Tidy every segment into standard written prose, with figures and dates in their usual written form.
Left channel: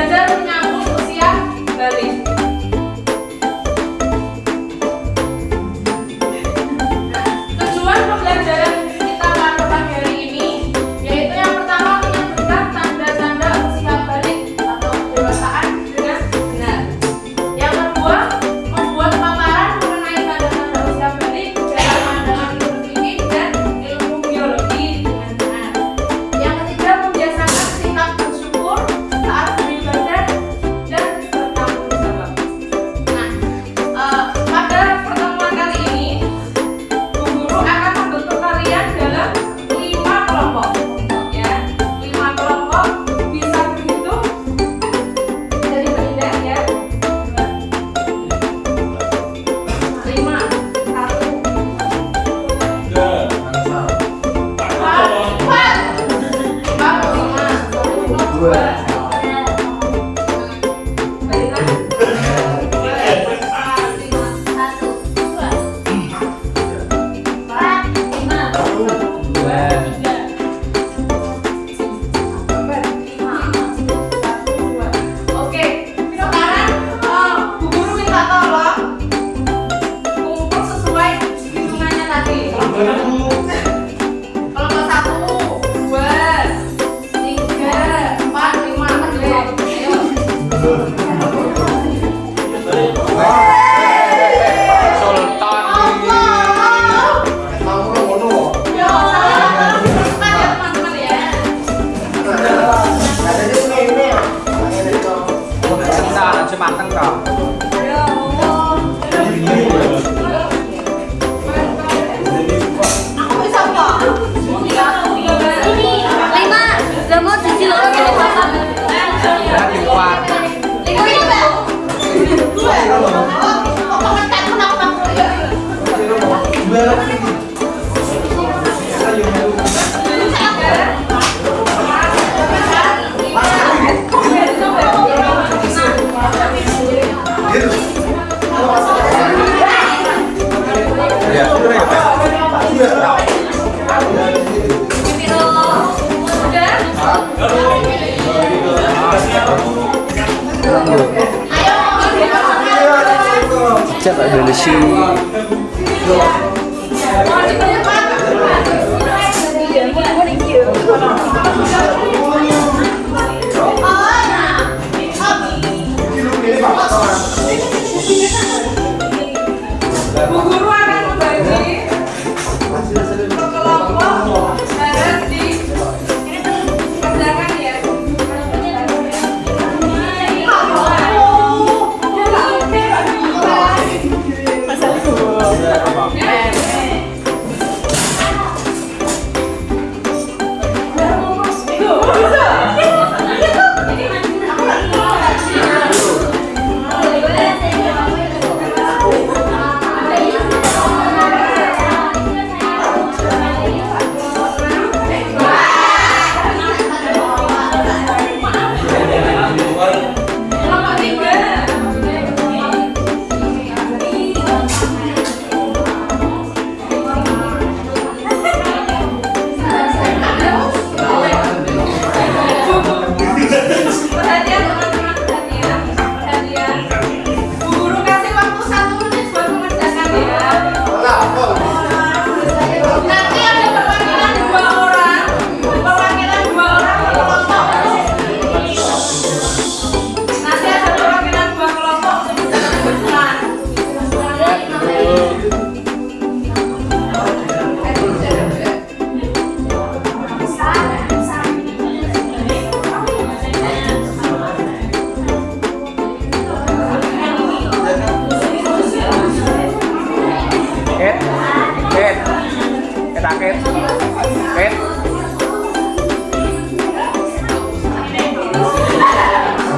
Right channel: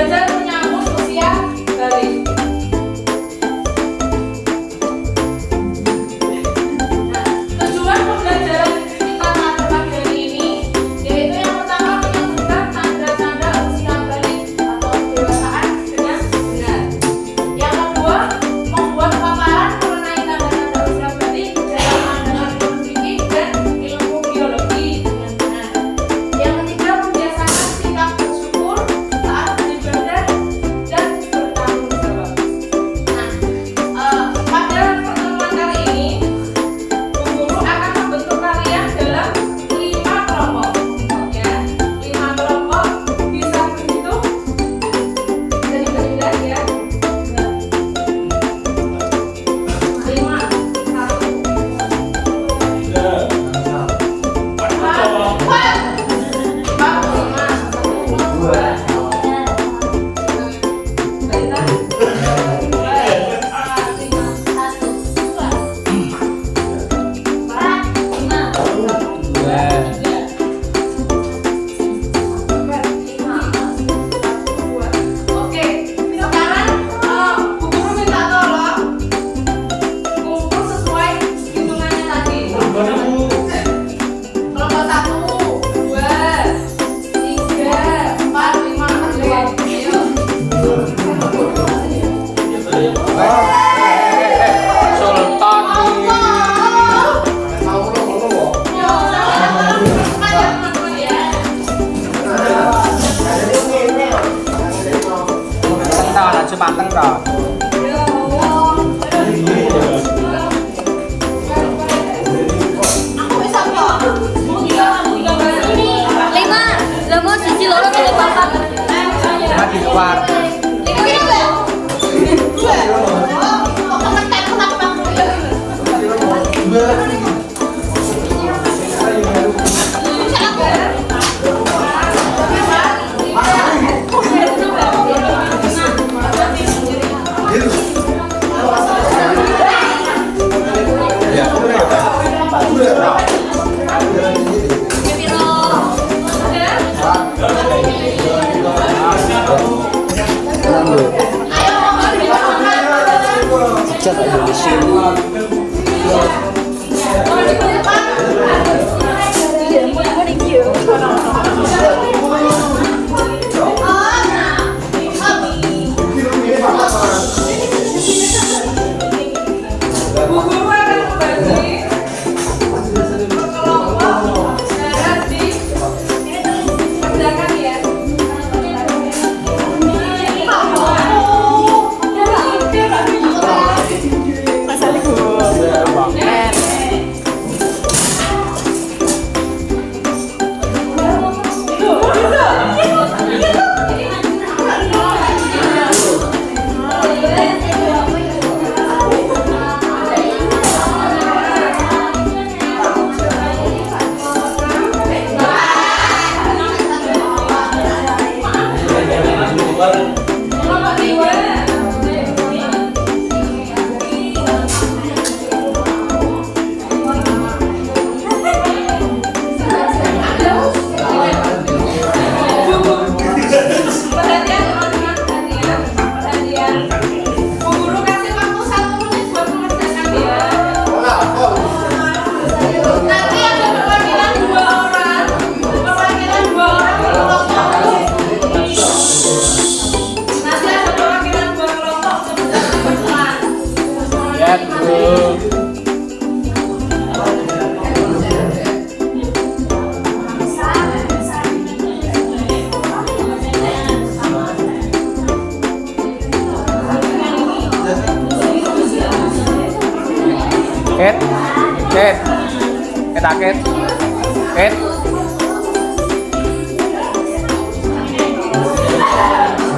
belajar menyambut usia balik. Tujuan pembelajaran kita pada pagi hari ini yaitu yang pertama menyebutkan tanda-tanda usia balik atau kedewasaan dengan benar. Yang kedua, membuat paparan mengenai tanda-tanda usia balik dalam pandangan ilmu fikih dan ilmu biologi dengan benar. Yang ketiga, membiasakan sikap bersyukur saat beribadah dan bertanggung jawab. Pada pertemuan kali ini, Bu Guru akan membentuk kalian dalam 5 kelompok. Ya, 5 kelompok bisa berhitung dari beridah ya. 5, 1, Oke, sekarang Bu Guru minta tolong kumpul sesuai hitungannya tadi. Kelompok 1, 2, 3, 4, 5. Ayo. Sultan Teman-teman ya. Entah, cuma manteng tau. Aku bisa kok. Ini 5. Gak mau cici lolo tadi papan. Di luar. 5 itu. Tenang dulu. Cek aja di sini. Bu Guru akan membagi per kelompok dan di kerjakan ya. Kelompok 3. Perhatian teman-teman, perhatian. Bu Guru kasih waktu 1 menit buat mengerjakan ya. Nanti ada perwakilan 2 orang per kelompok. Nanti ada perwakilan 2 kelompok untuk bisa berhitungan. Ket. Ket.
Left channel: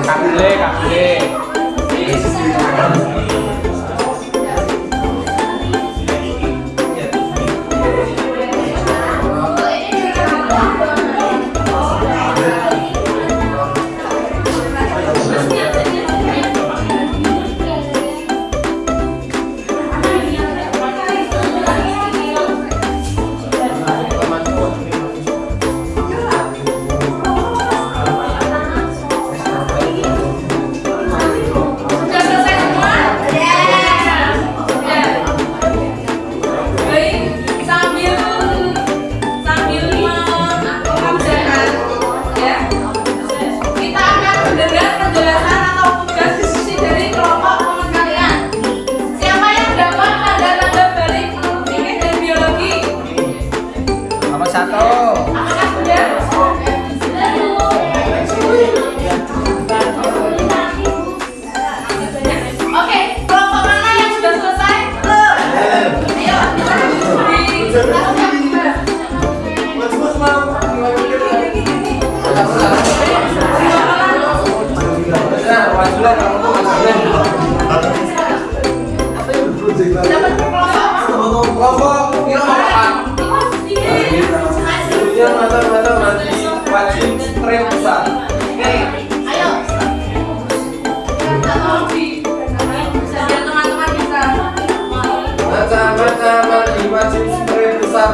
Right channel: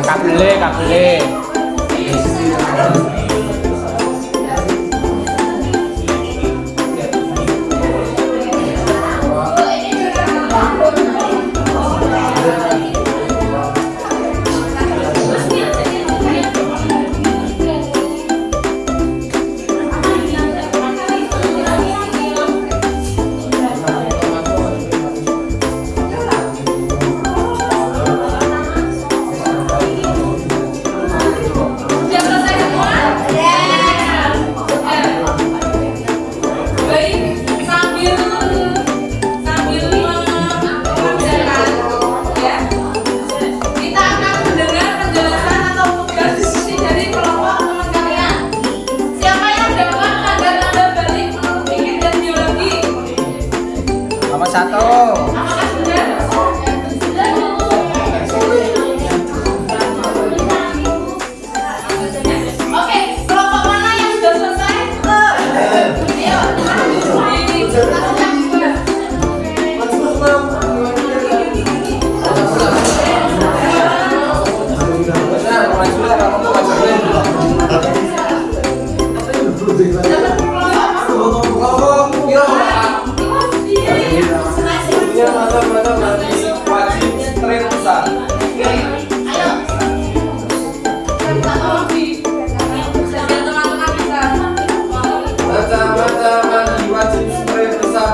Kak boleh.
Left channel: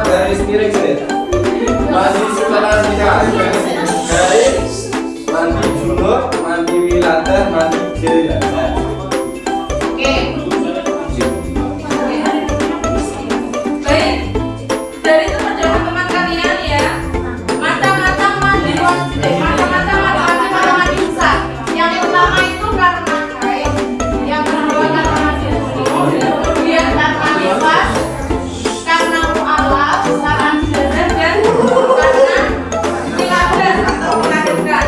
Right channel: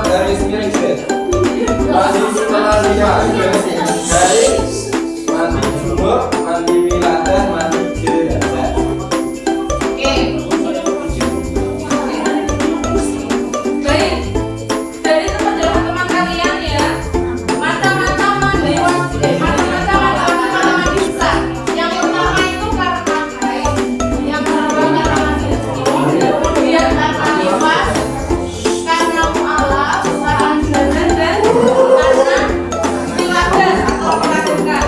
Garis miring set. Masih setelah garis mandi junub, mandi wiladah, mandi jenazah. Oke. Baik. Dari teman-teman kalian ya, mata-mata mandi besar. Yang pertama itu karena haid, yang kedua karena mandi junub, kemudian karena nifas, karena mualaf, karena jenazah, dan karena wiladah atau melahirkan.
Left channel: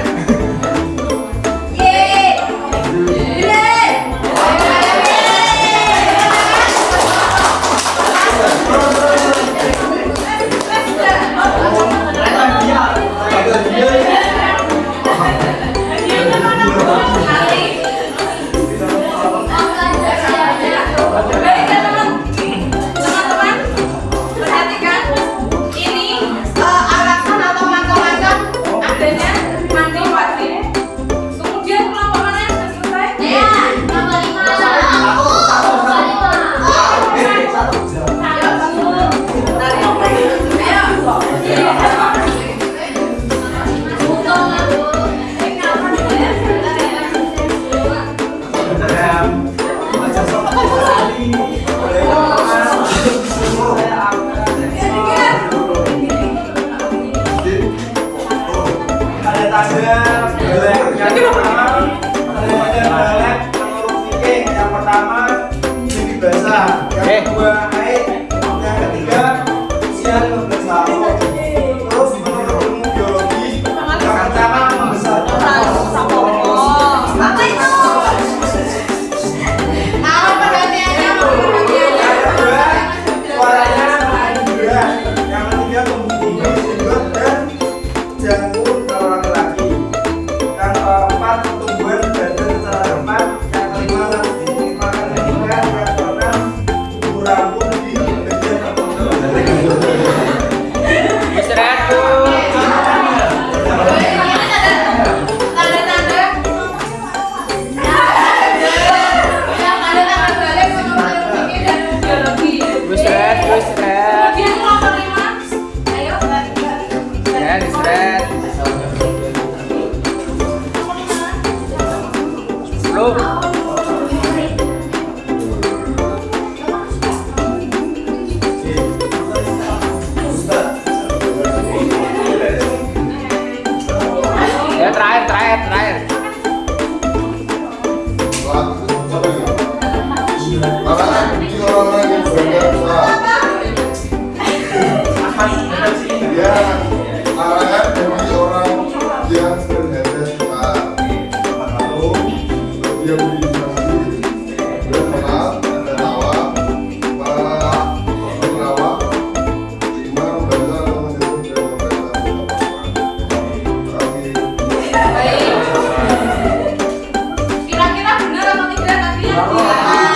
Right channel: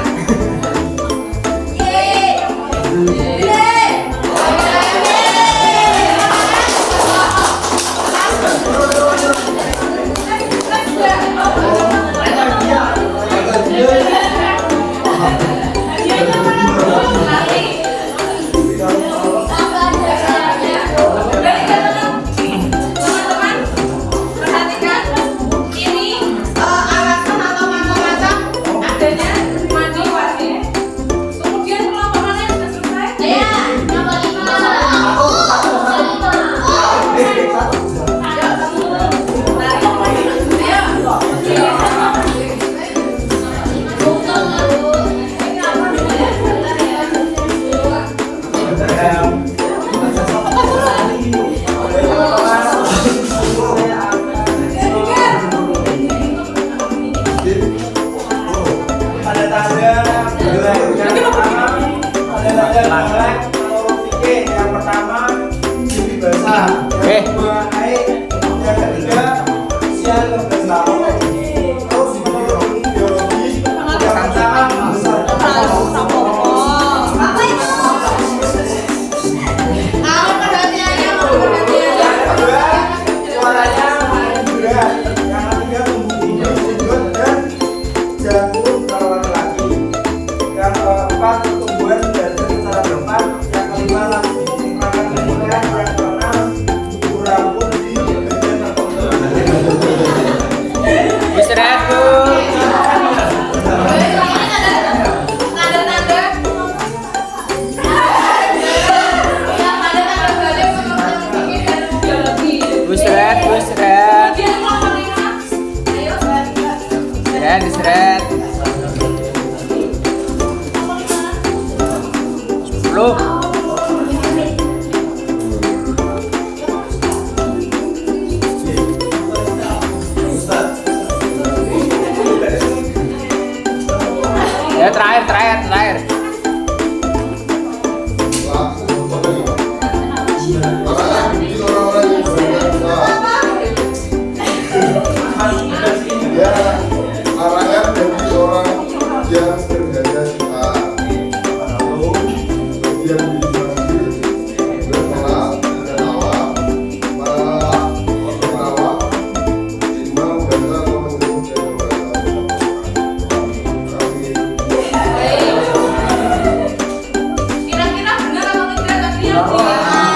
Terakhir. Kira-kira benar atau tidak nanti yang dijelaskan?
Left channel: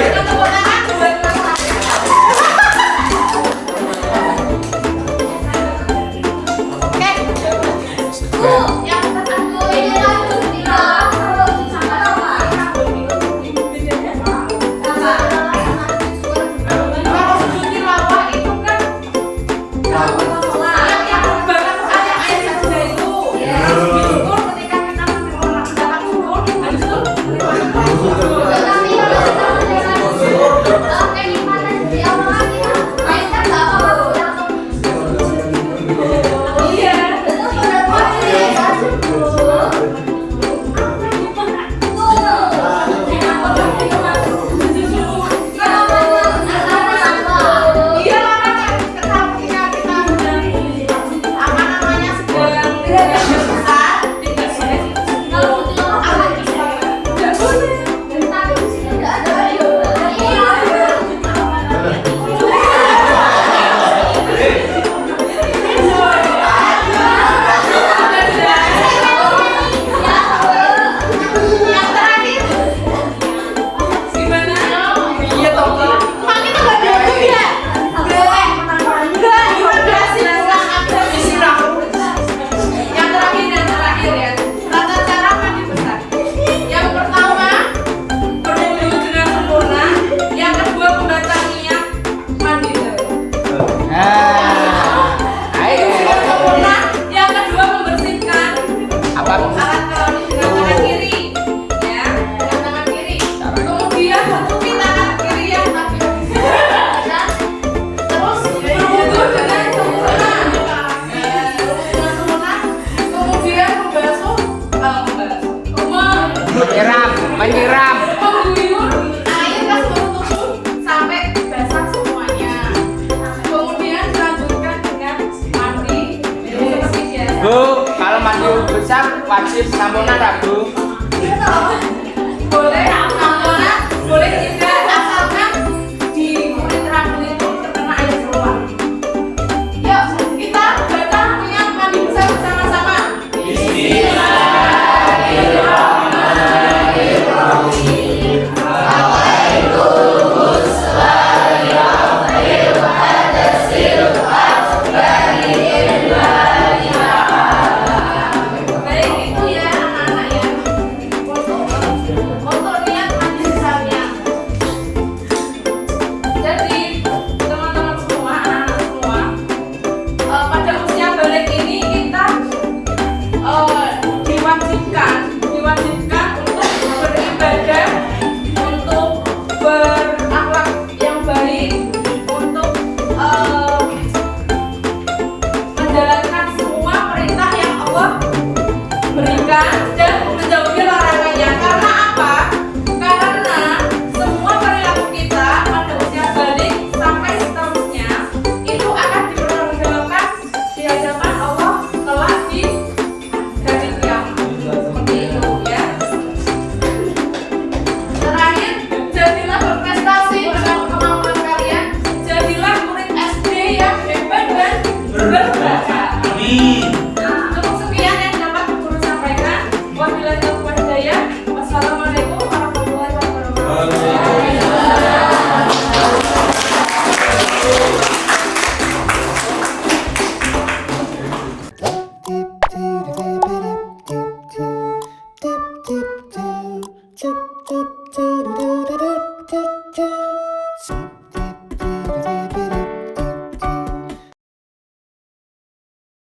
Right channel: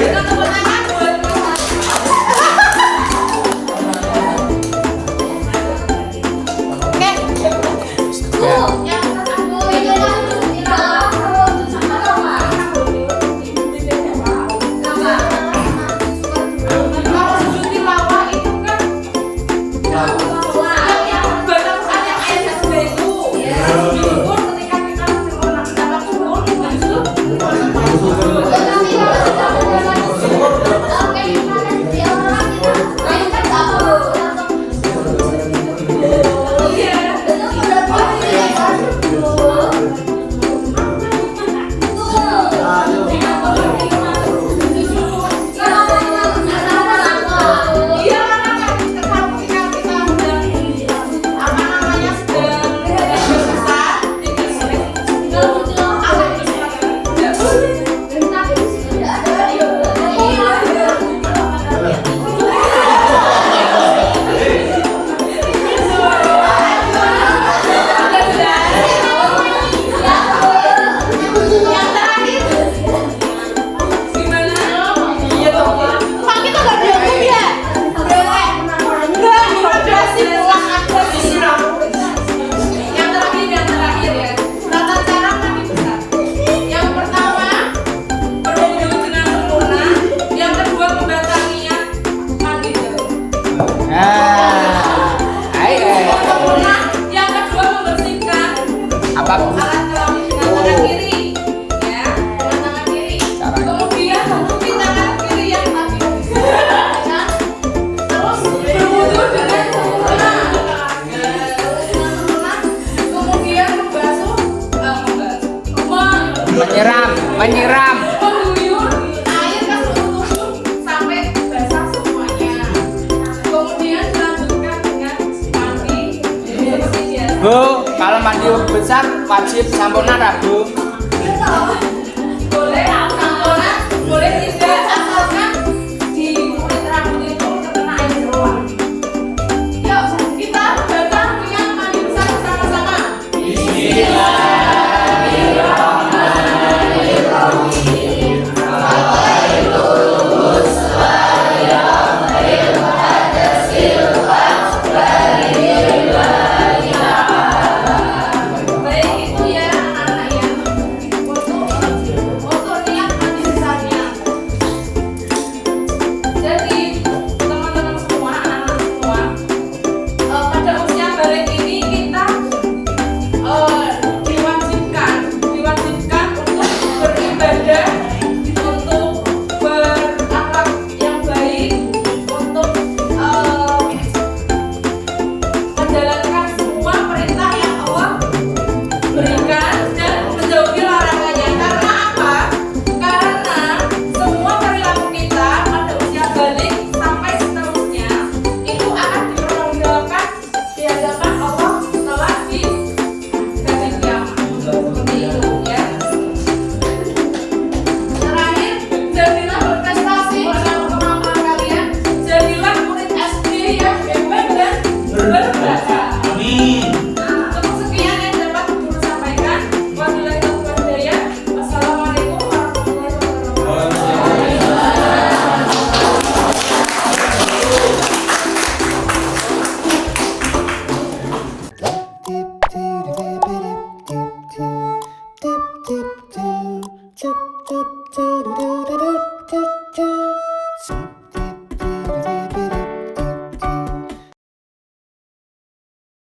Kita tepuk tangan buat besar wajib sampuna tak Bu? Boleh, boleh